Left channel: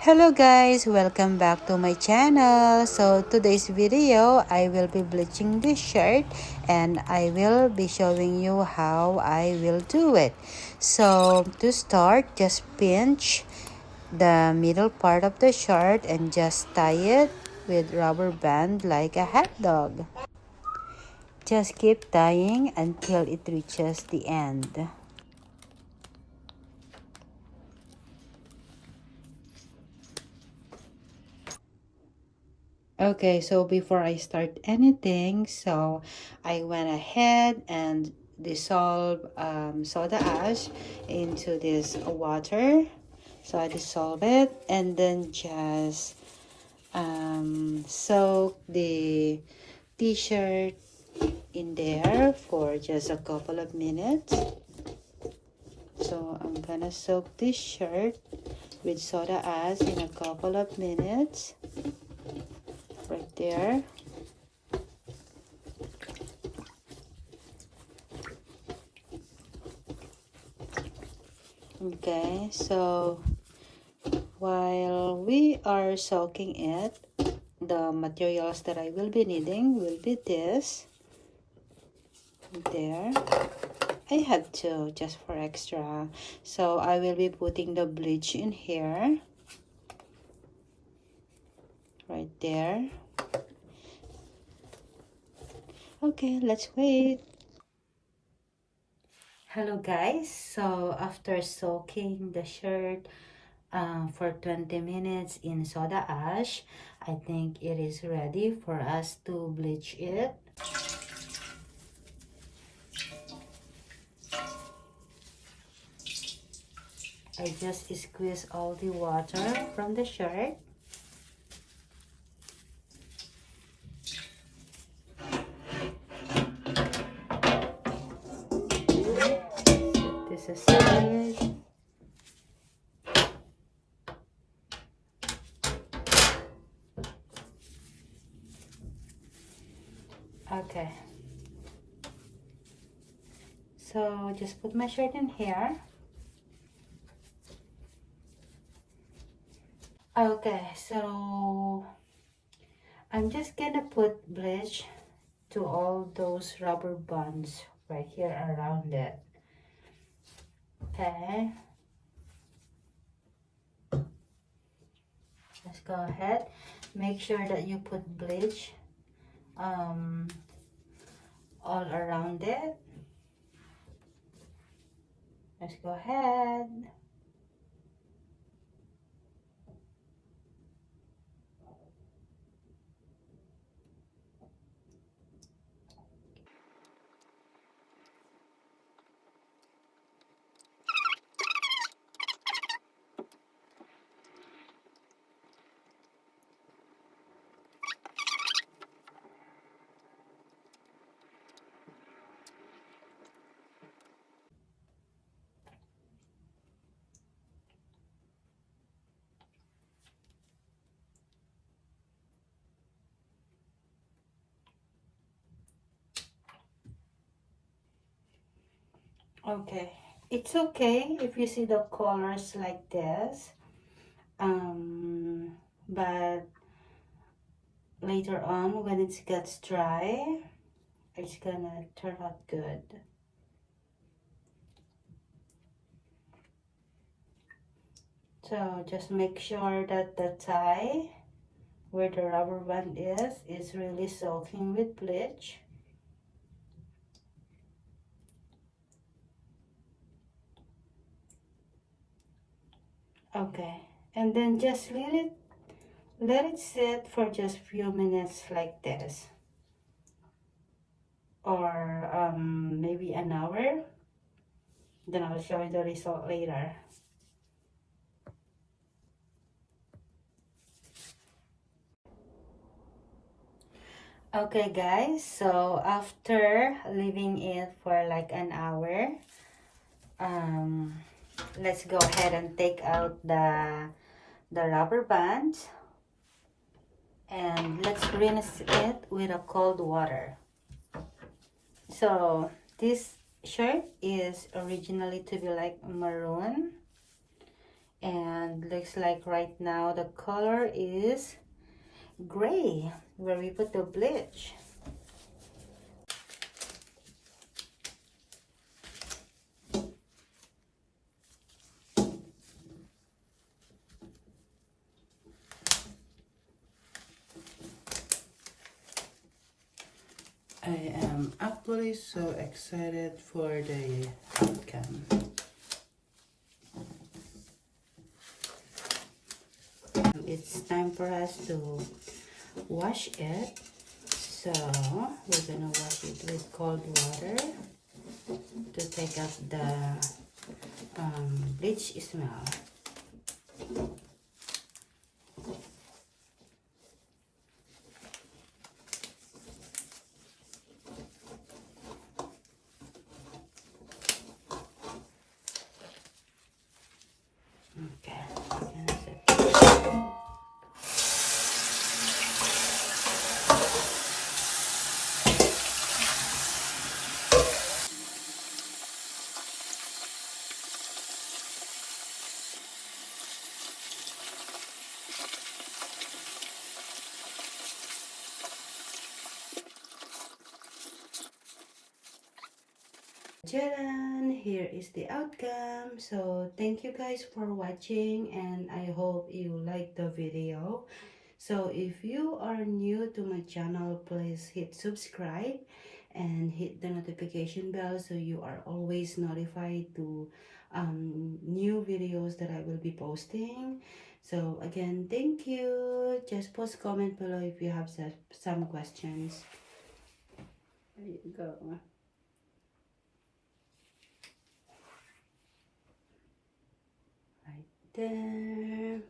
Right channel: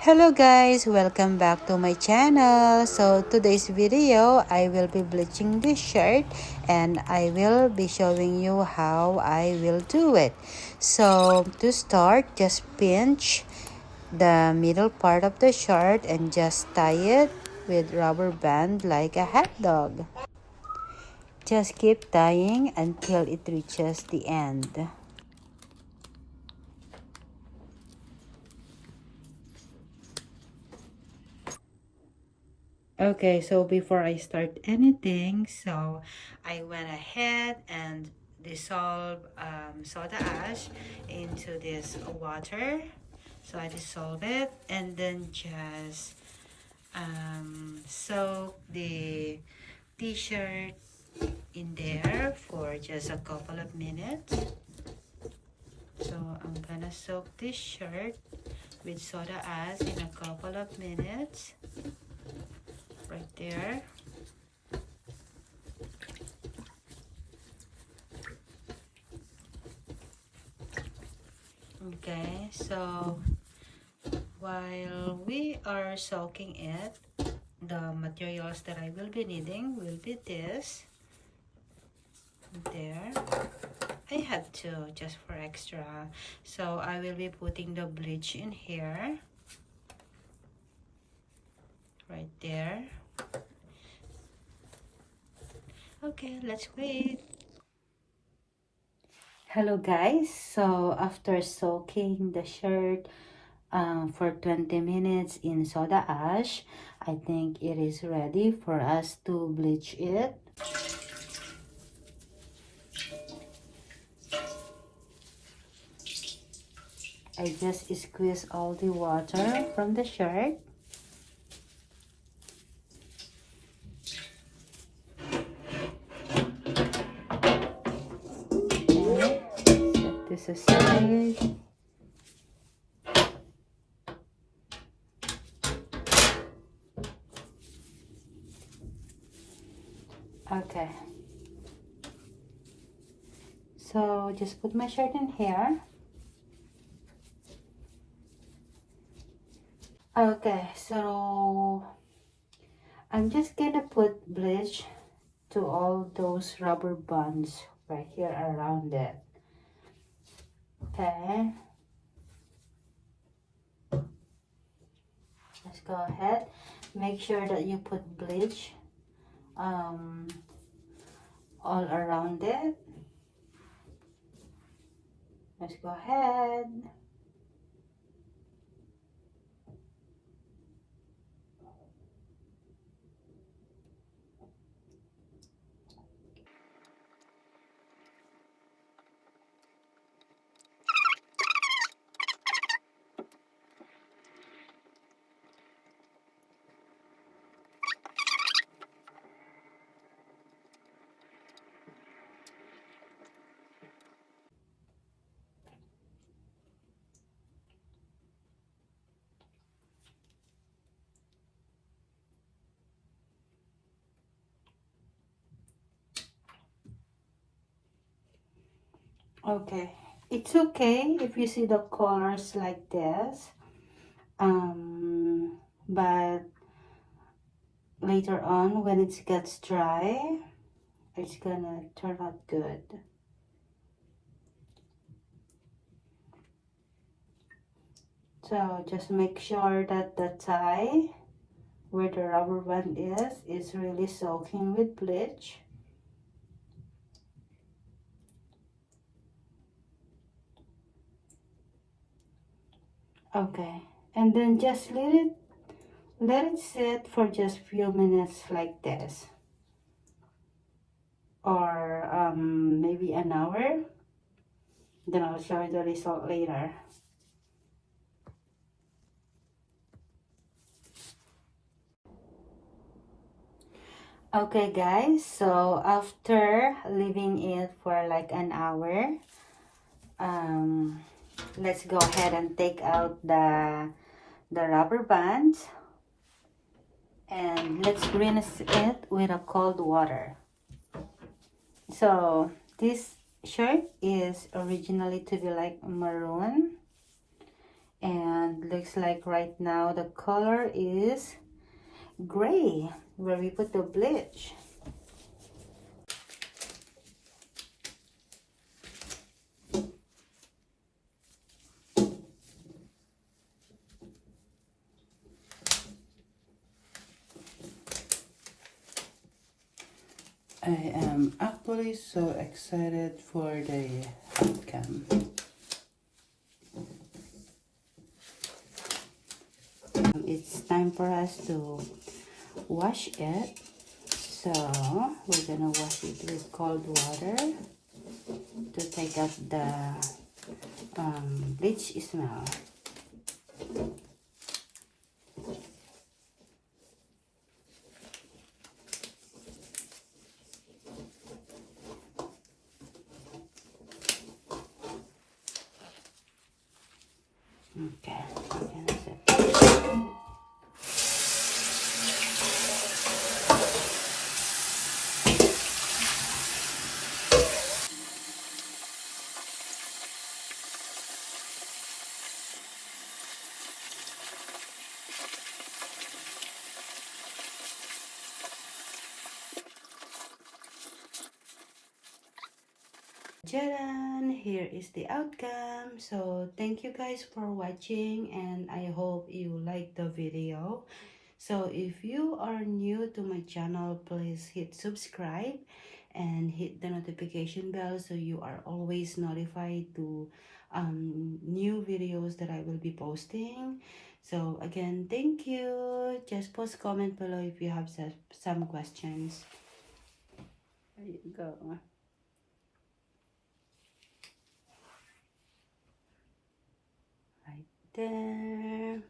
Hello guys, welcome back to my channel. So today's video I will be bleaching this shirt and I will be showing you how I will do it. So to start, just pinch the middle part of the shirt and just tie it with rubber band like a hot dog. Just keep tying until it reaches the end. Okay, so before I start anything, so I went ahead and dissolve soda ash into this water. So I dissolve it and then just soak the t-shirt in there for just a couple of minutes. So I'm gonna soak this shirt with soda ash in a couple of minutes. Right there. Okay, so while we are soaking it, the materials that I will be needing will be this. There. I have two just for extra. So I will be putting the bleach in here. Right there. Okay, let's wait. Hello guys, so after soaking the shirt for 20 minutes in soda ash, I think it is ready for us to bleach it. I just squeeze all the water from the shirt. This is it. Okay. So just put my shirt in here. Okay, so I'm just gonna put bleach to all those rubber bands right here around it. Okay. Let's go ahead. Make sure that you put bleach all around it. Let's go ahead. Okay, it's okay if you see the colors like this, but later on when it gets dry, it's gonna turn out good. So just make sure that the tie where the rubber band is really soaking with bleach. Okay, and then just let it sit for just few minutes like this, or maybe an hour. Then I'll show you the result later. Okay guys, so after leaving it for like an hour, let's go ahead and take out the rubber band and let's rinse it with a cold water. So this shirt is originally to be like maroon, And looks like right now the color is gray where we put the bleach. I am actually so excited for the outcome. It's time for us to wash it. So we're gonna wash it with cold water to take out the bleach smell. Okay, and that's it. Jaran, here is the outcome. So thank you guys for watching, and I hope you liked the video. So if you are new to my channel, please hit subscribe and hit the notification bell so you are always notified to new videos that I will be posting. So again, thank you. Just post comment below if you have some questions. There you go. Right there.